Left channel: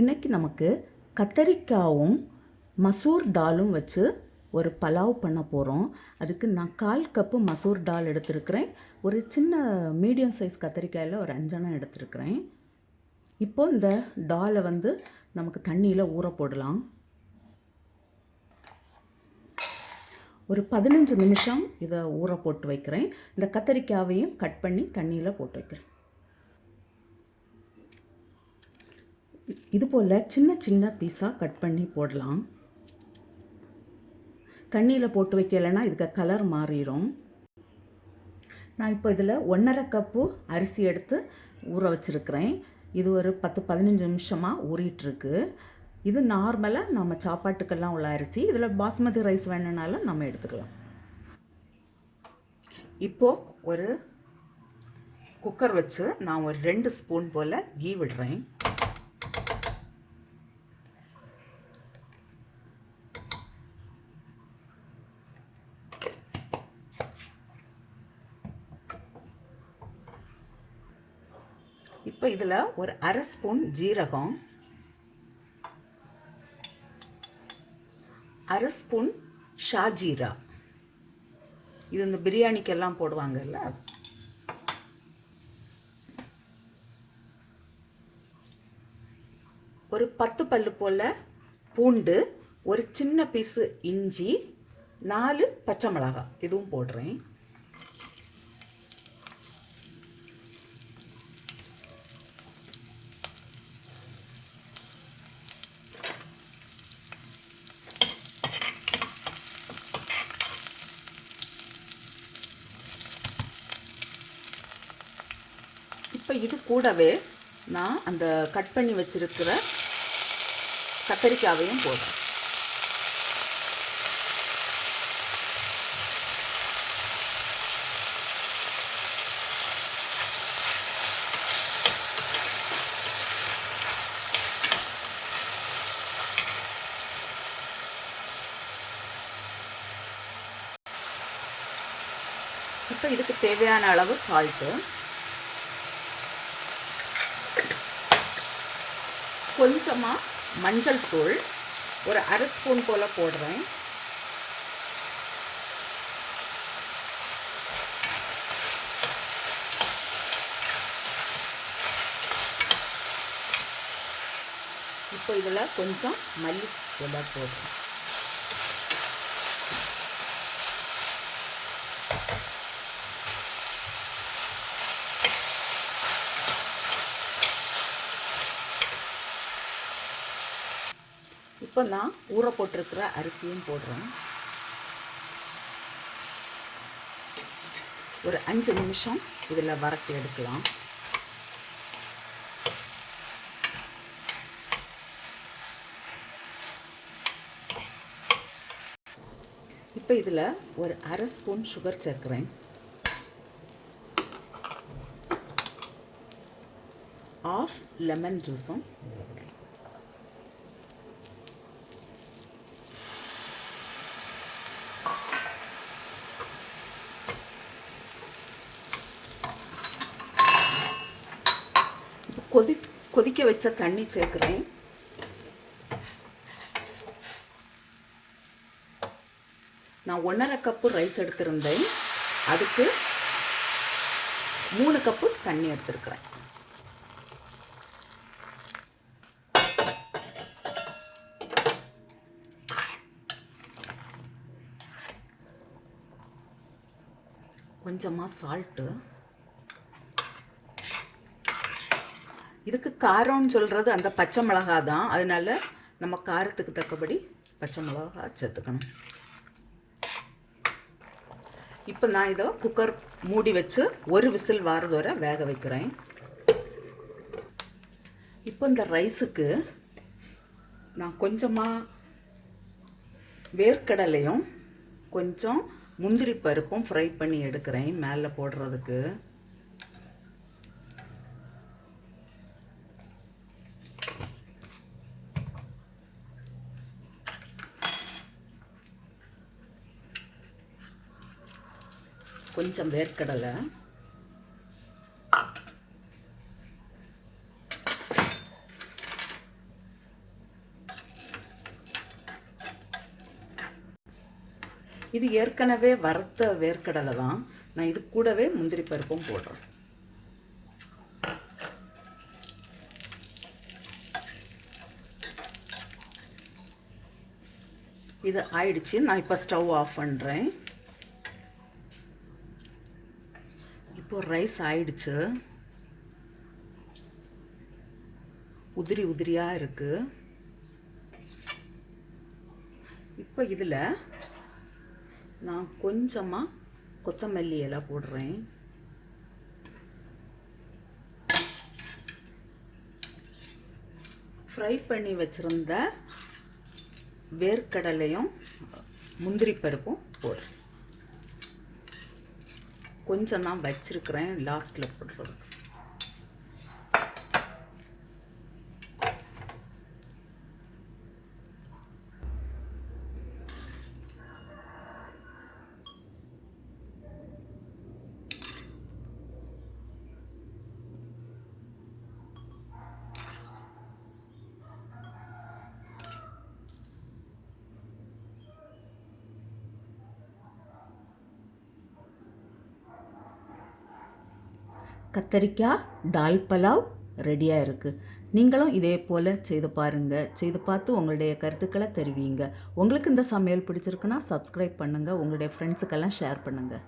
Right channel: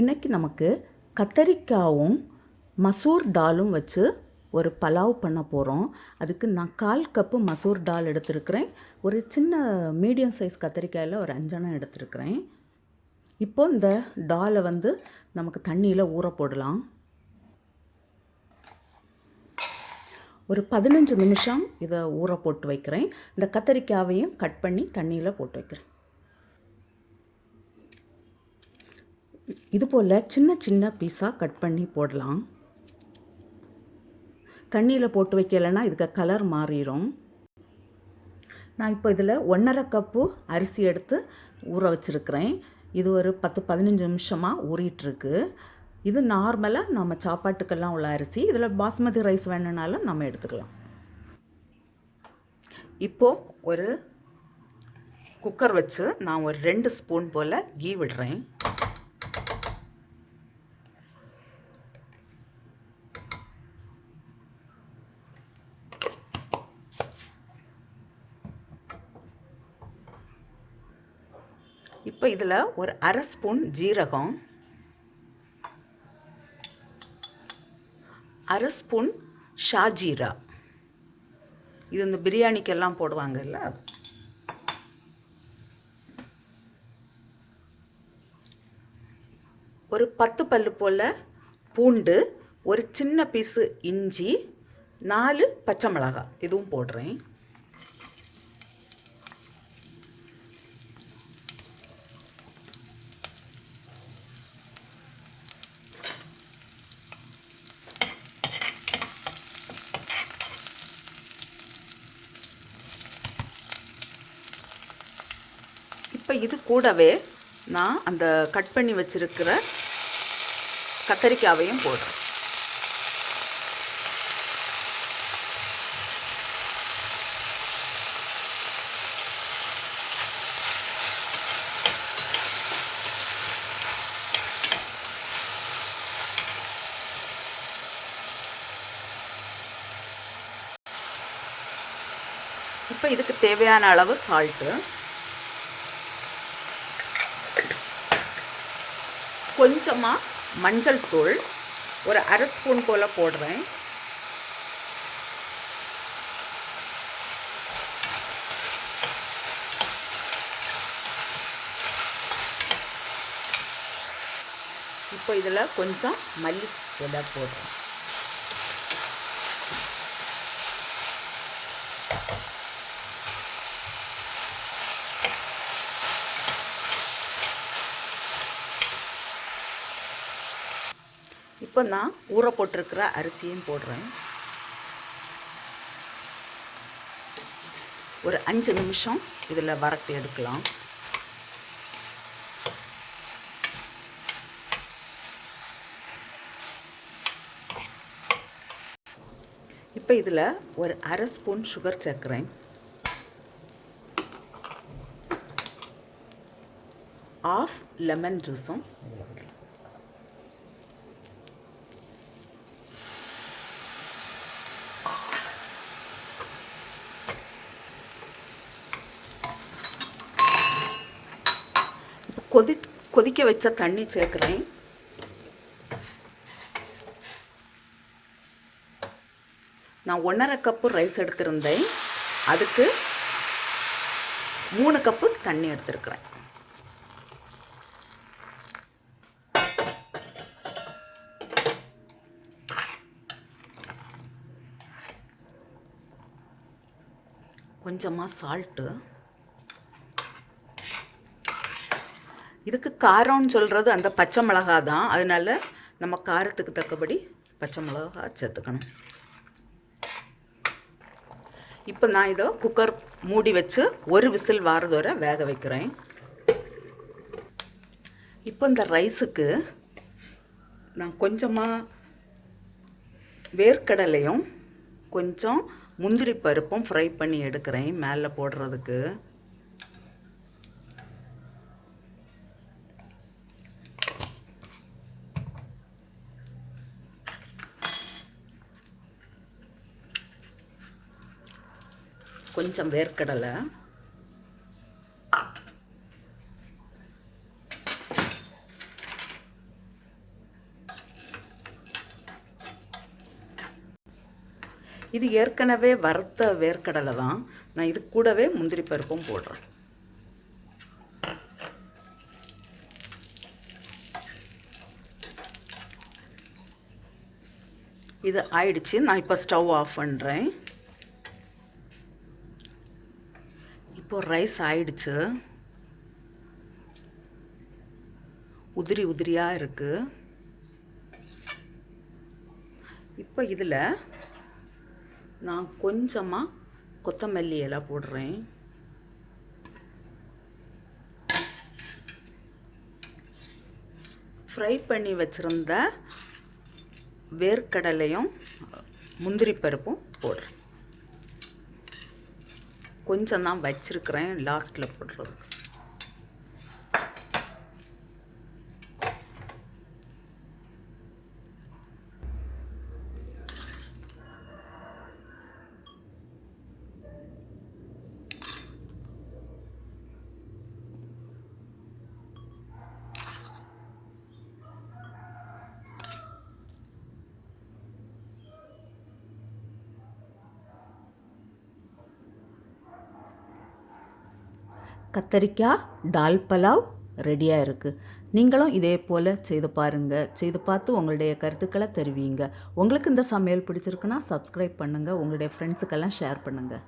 இன்றைக்கி நமக்கு கத்தரிக்காவும் மசூர் டாலும் வச்சு ஒரு பலாவ் பண்ண போகிறோம். அதுக்கு நான் 1/4 கப்பு மசூர் டால் எடுத்துருக்கிறேன். ஒரு சின்ன மீடியம் சைஸ் கத்தரிக்காயில் ஒரு 5 எடுத்துருக்கிறேன். இப்போது இந்த டாலை நமக்கு தண்ணியில் ஊற போடலாம். ஒரு 15 நிமிஷம் இதை ஊற போட்டு வைக்கிறேன். இந்த கத்தரிக்காவையும் கட் பண்ணி தண்ணியில் போட்டு வைக்கிறேன். இது போல் சின்ன சின்ன பீஸாக கட் பண்ணி போடலாம். தண்ணியில் போட்டு வைக்கலைன்னா இதுக்கு கலர் மாறிடும். நான் இப்போ இதில் 1/2 கப்பு அரிசி எடுத்து ஊற வச்சுருக்கிறேன். இது ஒரு 10-15 நிமிஷமாக ஊறிட்டுருக்கு. இது நார்மலாக நம்ம சாப்பாட்டுக்கெல்லாம் உள்ள அரிசி. இதில் பாஸ்மதி ரைஸ் வேணுனாலும் நம்ம எடுத்துக்கலாம். இப்போது ஒரு குக்கர் வச்சு நான் ஒரு 2 ஸ்பூன் போல் கீ விடுறேன். இப்போ இதில் ஒரு 1/2 ஸ்பூன் ஜீரகம், 1/2 ஸ்பூன் ஷாஜீரா, இது இந்த பிரியாணிக்கெல்லாம் போடுவாங்கல்ல, ஒரு 10 பல்லு போல் பூண்டு, ஒரு சின்ன பீஸு இஞ்சி, 4 பச்சை மிளகாய் இதுவும் போடுறேன். இப்போ இது கூடவே நான் அந்த கட் பண்ணி வச்சுருக்கிற கத்தரிக்காவையும் போடுறேன். இப்போ இதுக்கு தேவையான அளவு சால்ட்டு, கொஞ்சமாக மஞ்சள் தூள் ஒரு 1/2 ஸ்பூன் போல் போடுறேன். இப்போ இதில் கொஞ்சம் மல்லி இலை போடுறேன். இப்போ நான் ஊற போட்டிருக்கிற அரிசியும் போடுறேன். ஒரு 5 நிமிஷம் இதில் வறுத்து எடுக்கலாம். இப்போ இதில் ஒரு 1/2 ஸ்பூன் சுகர் சேர்க்குறேன். 1/2 லெமன் ஜூஸும், கொதிக்க வச்ச தண்ணி சேர்க்குறேன். நான் 1/2 கப்பு ரைஸ் எடுத்திருந்தேன். அதுக்கு 3 கப்பு தண்ணி எடுத்திருக்கிறேன். கொஞ்சமாக சால்ட்டு. இதுக்கு காரம்னு சொல்கிறது அந்த பச்சை மிளகா தான். அதனால நம்ம காரத்துக்கு தக்கபடி பச்சை மிளகா சேர்த்துக்கணும். இப்போ நான் இதை குக்கர் மூடி வச்சு ஒரு விசில் வாரது வரை வேக வைக்கிறேன். இப்போ இந்த ரைஸுக்கு நான் கொஞ்சமாக வேர்க்கடலையும் கொஞ்சம் முந்திரி பருப்பும் ஃப்ரை பண்ணி எடுக்கிறேன் மேலே போடுறதுக்கு. கொஞ்சம் வேர்க்கடலை, இது ஏற்கனவே வறுத்த வேர்க்கடலை தான். நான் இது கூடவே முந்திரி பருப்பும் போடுறேன். இது ஆயிடுச்சு. நான் இப்போ ஸ்டவ் ஆஃப் பண்ணுறேன். இப்போ ரைஸ் ஆயிடுச்சு. உதிரி உதிரியாக இருக்குது. இப்போ இதில் நான் கொஞ்சமாக கொத்தமல்லி இலை போடுறேன். ஃப்ரை பண்ணி வச்சுருந்த வேர்க்கடலையும் முந்திரி பருப்பும் போடுறேன். கொஞ்சம் தான் வச்சிருக்கிறேன், லாஸ்ட்டில் போடுறது. கத்தரிக்காய் டால் பலாவ் ரெடியாக இருக்குது. நீங்களும் இதே போல் செய்து பாருங்கள். செய்து பார்த்து உங்களுடைய கருத்துக்களை தெரிவிங்க. உங்களுக்கு இந்த சமையல் பிடிச்சிருக்குன்னா சப்ஸ்கிரைப் பண்ணுங்கள். உங்களுடைய ஃப்ரெண்ட்ஸுக்கெல்லாம் ஷேர் பண்ணுங்கள்.